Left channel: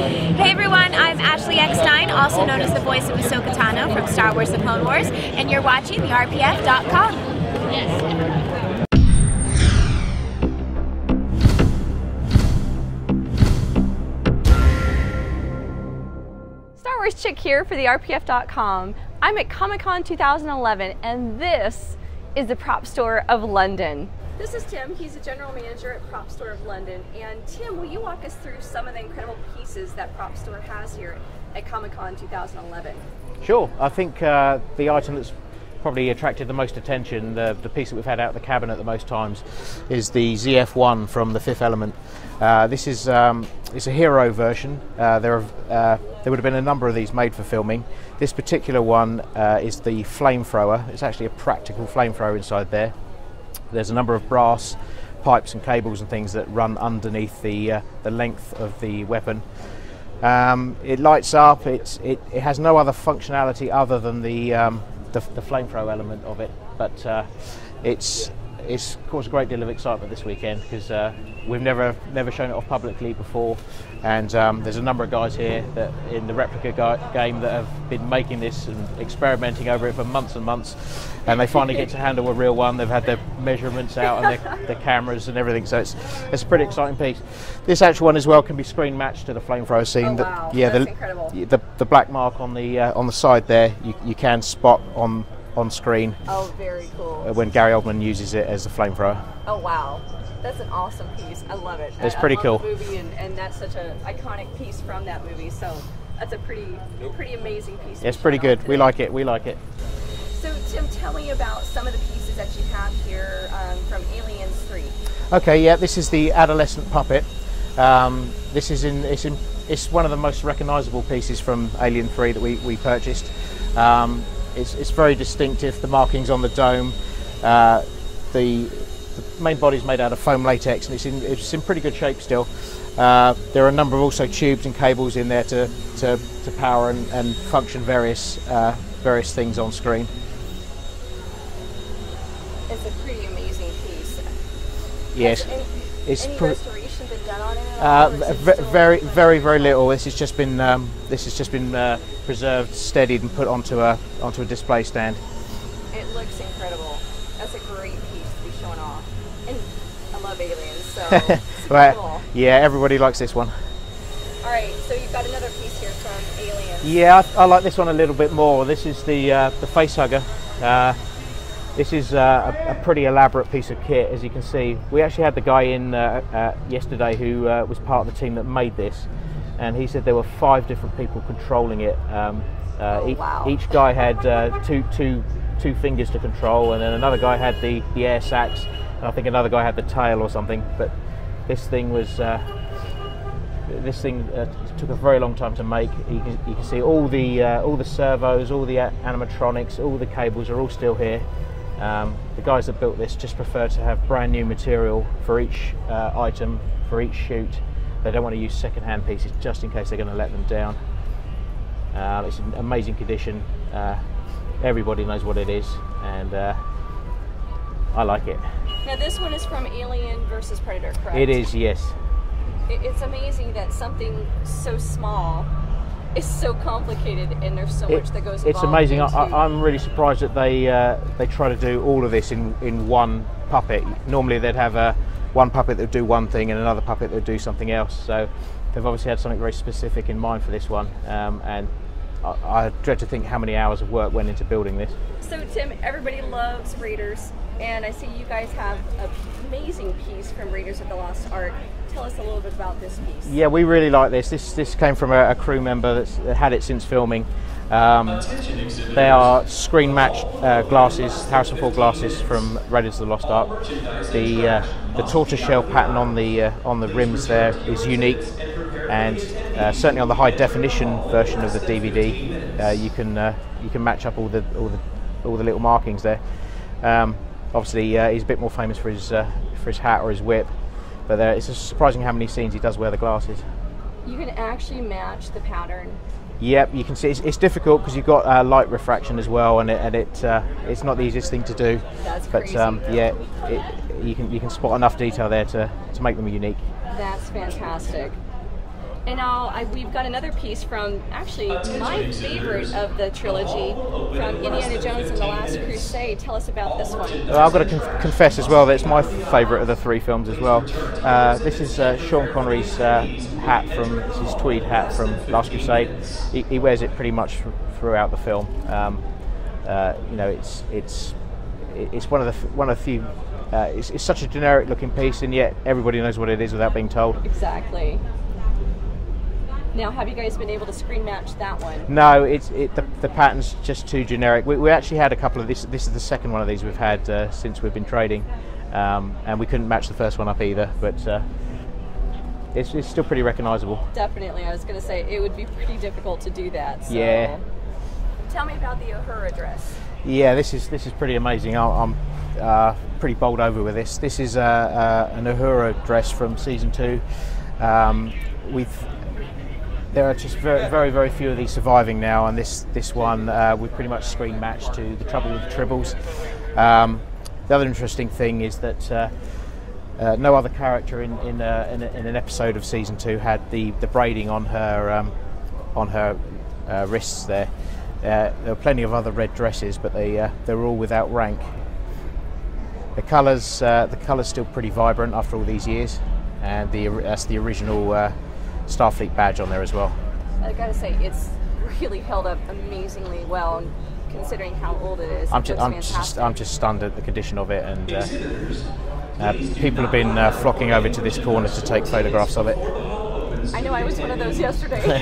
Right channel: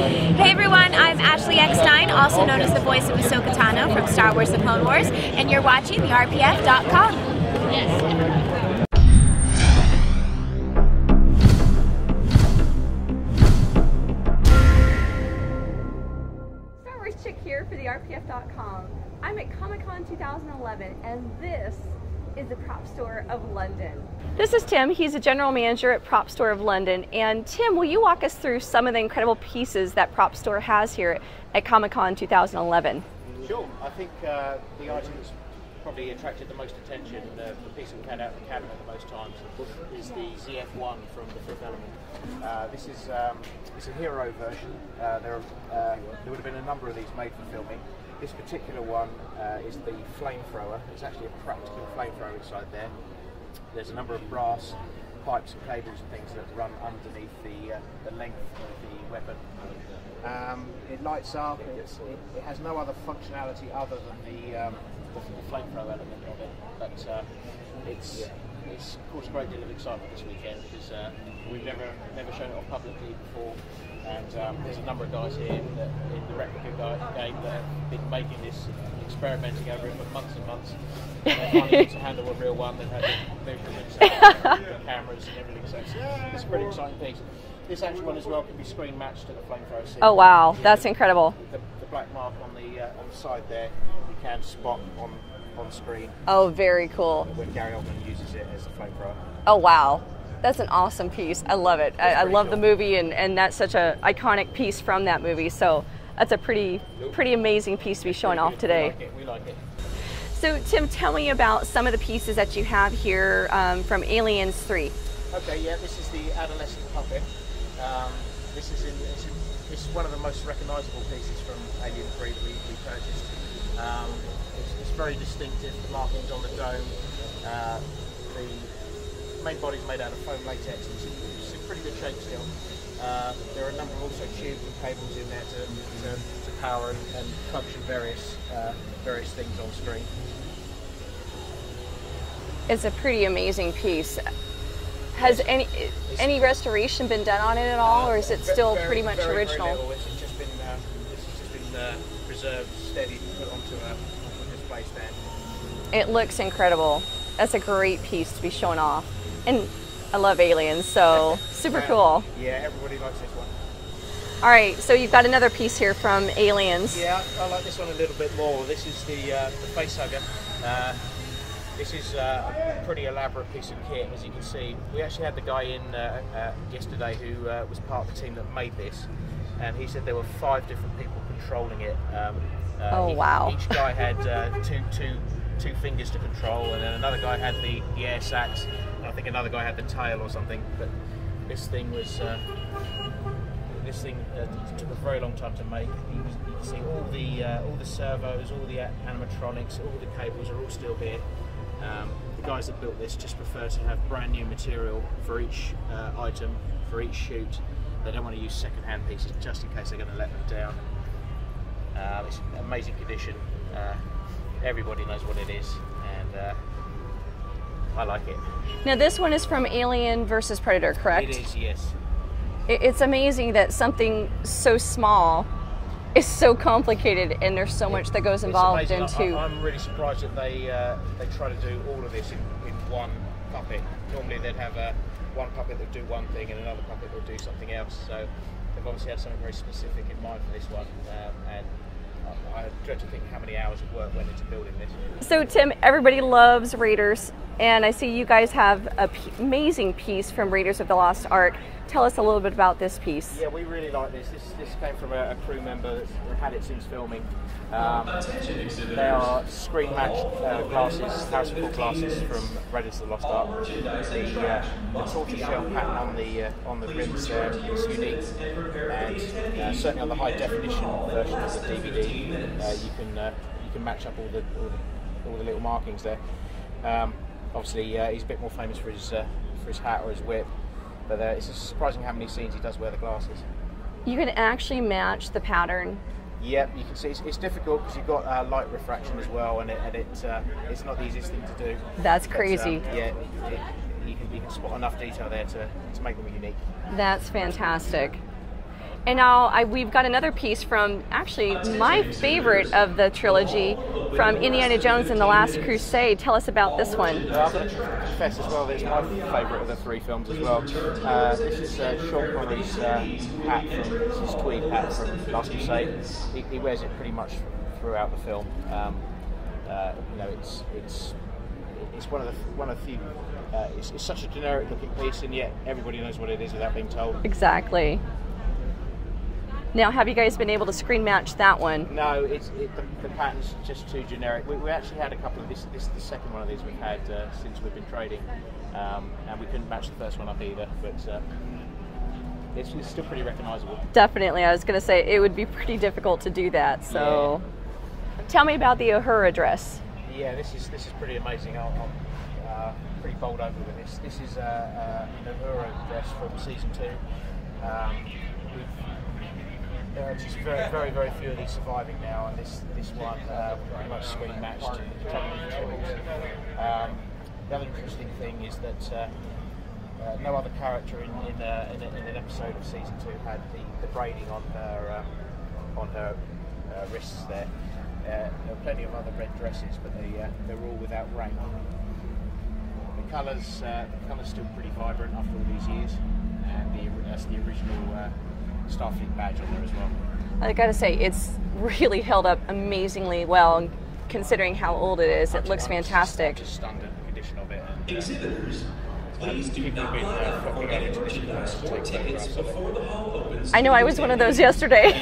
Hey everyone, I'm Ashley Eckstein, also known as the voice of Ahsoka Tano from Star Wars: The Clone Wars, and you're watching the RPF.com. Yes. Star Wars Chick here for the RPF.com. I'm at Comic-Con 2011, and this is the Prop Store of London. This is Tim. He's a general manager at Prop Store of London. And Tim, will you walk us through some of the incredible pieces that Prop Store has here at Comic-Con 2011? Sure. I think the item that's probably attracted the most attention, the piece that we've had out of the cabinet the most times, is the ZF-1 from The Fifth Element. This is it's a hero version. There would have been a number of these made for filming. This particular one is the Flamethrower. It's actually a practical flamethrower inside there. There's a number of brass pipes and cables and things that run underneath the length of the weapon. It lights up. It has no other functionality other than the flamethrower element of it, but it's caused a great deal of excitement this weekend because we've never shown it off publicly before, and there's a number of guys here that in the Replica game that have been making this and experimenting over it for months and months, and they finally get to handle a real one. They've had the measurements out and the cameras and everything, so it's a pretty exciting piece. This actual one as well can be screen matched to the flamethrower scene. Oh wow, yeah, that's incredible. The black mark on the side there, you can spot on screen. Oh, very cool. When Gary Oldman uses it as a flamethrower. Oh wow, that's an awesome piece. I love it. It's pretty I love cool. the movie, and that's such an iconic piece from that movie. So that's a pretty amazing piece to be showing off today. It's pretty good. We like it. So Tim, tell me about some of the pieces that you have here from Aliens 3. Okay, yeah, this is the Adolescent Puppet. It's one of the most recognisable pieces from Alien 3 that we purchased. It's very distinctive. The markings on the dome. The main body is made out of foam latex, and it's in pretty good shape still. There are a number of also tubes and cables in there to power and function various things on screen. It's a pretty amazing piece. Yes. Has any restoration been done on it at all, or is it still very original? little? This has just been preserved, steadied, and put onto a display stand. It looks incredible. That's a great piece to be showing off, and I love Aliens, so super well, cool. Yeah, everybody likes this one. All right, so you've got another piece here from Aliens. Yeah, I like this one a little bit more. This is the Facehugger. This is a pretty elaborate piece of kit, as you can see. We actually had the guy in yesterday who was part of the team that made this, and he said there were 5 different people controlling it. Wow. Each guy had two fingers to control, and then another guy had the air sacs, and I think another guy had the tail or something. But this thing was took a very long time to make. You can see all the servos, all the animatronics, all the cables are all still here. The guys that built this just prefer to have brand new material for each item, for each shoot. They don't want to use second-hand pieces just in case they're going to let them down. It's in amazing condition. Everybody knows what it is, and I like it. Now this one is from Alien versus Predator, correct? It is, yes. It's amazing that something so small is so complicated, and there's so much that goes involved. It's amazing. I'm really surprised that they try to do all of this in one puppet. Normally they'd have one puppet that would do one thing and another puppet that would do something else. So they've obviously had something very specific in mind for this one, and I dread to think how many hours of work went into building this. So Tim, everybody loves Raiders, and I see you guys have an amazing piece from Raiders of the Lost Ark. Tell us a little bit about this piece. Yeah, we really like this. This came from a crew member that's had it since filming. They are screen matched glasses, Harrison Ford glasses from Raiders of the Lost Ark. The tortoiseshell pattern on the rims there is unique, and certainly on the high definition version of the DVD, you can match up all the little markings there. Obviously, he's a bit more famous for his hat or his whip. But it's surprising how many scenes he does wear the glasses. You can actually match the pattern. Yep, you can see it's difficult because you've got light refraction as well, and it's not the easiest thing to do. That's crazy. But, yeah, you can spot enough detail there to make them unique. That's fantastic. And now we've got another piece from actually my favorite of the trilogy, from Indiana Jones and the Last Crusade. Tell us about this one. Well, I've got to confess as well that it's my favourite of the three films as well. This is Sean Connery's hat this is tweed hat from Last Crusade. He wears it pretty much throughout the film. You know, it's one of the few. It's such a generic looking piece, and yet everybody knows what it is without being told. Exactly. Now, have you guys been able to screen match that one? No, the pattern's just too generic. We actually had a couple of this. This is the second one of these we've had since we've been trading, and we couldn't match the first one up either. But it's still pretty recognisable. Definitely, I was going to say it would be pretty difficult to do that. So, yeah. Tell me about the Uhura dress. Yeah, this is pretty amazing. I'm pretty bowled over with this. This is an Uhura dress from season 2. There are just very few of these surviving now, and this one we've pretty much screen matched to The Trouble with the Tribbles. The other interesting thing is that no other character in an episode of season 2 had the braiding on her wrists there. There are plenty of other red dresses, but they were all without rank. The colour's still pretty vibrant after all these years, and that's the original Starfleet badge on there as well. I gotta say, it's really held up amazingly well, considering how old it is. It looks fantastic. I'm just stunned at the condition of it, and people have been flocking over to this corner to take photographs of it. I know, I was one of those yesterday.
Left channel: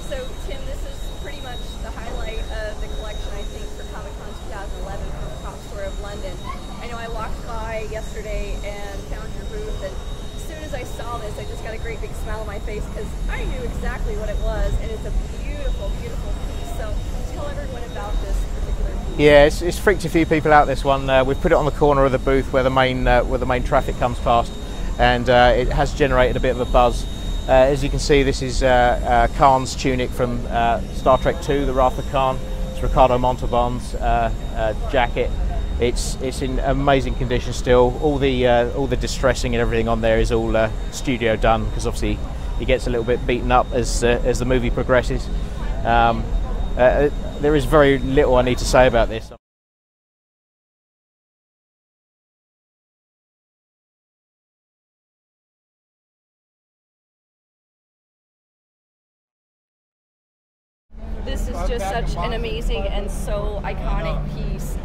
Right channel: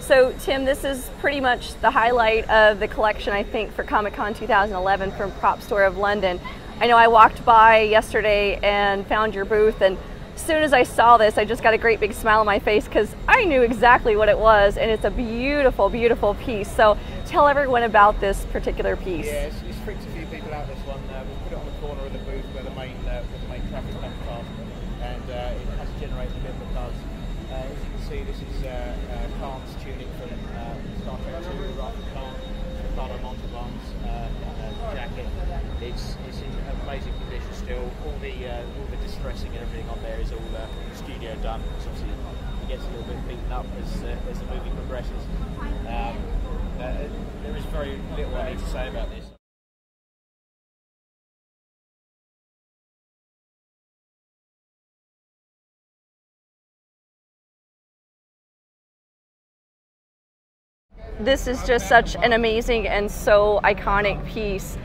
So, Tim, this is pretty much the highlight of the collection, I think, for Comic-Con 2011 from Prop Store of London. I know I walked by yesterday and found your booth, and as soon as I saw this, I just got a great big smile on my face because I knew exactly what it was, and it's a beautiful, beautiful piece. So tell everyone about this particular piece. Yeah, it's freaked a few people out, this one. We've put it on the corner of the booth where the main traffic comes past, and it has generated a bit of a buzz. As you can see, this is Khan's tunic from Star Trek II, The Wrath of Khan. It's Ricardo Montalban's jacket. It's in amazing condition still. All the distressing and everything on there is all studio done, because obviously he gets a little bit beaten up as the movie progresses. There is very little I need to say about this. This is just such an amazing and so iconic piece.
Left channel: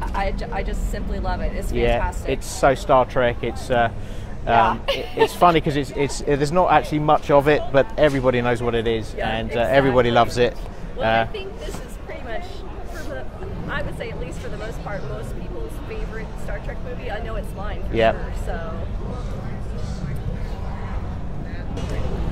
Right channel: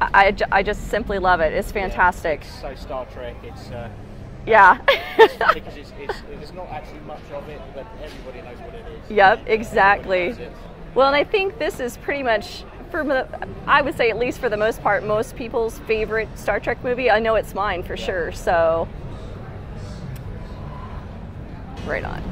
I just simply love it. It's fantastic. Yeah, it's so Star Trek. It's yeah. It's funny because there's not actually much of it, but everybody knows what it is. Yep, and exactly. Everybody loves it. Well, and I think this is pretty much, I would say at least for the most part, most people's favorite Star Trek movie. I know it's mine for sure. So, right on.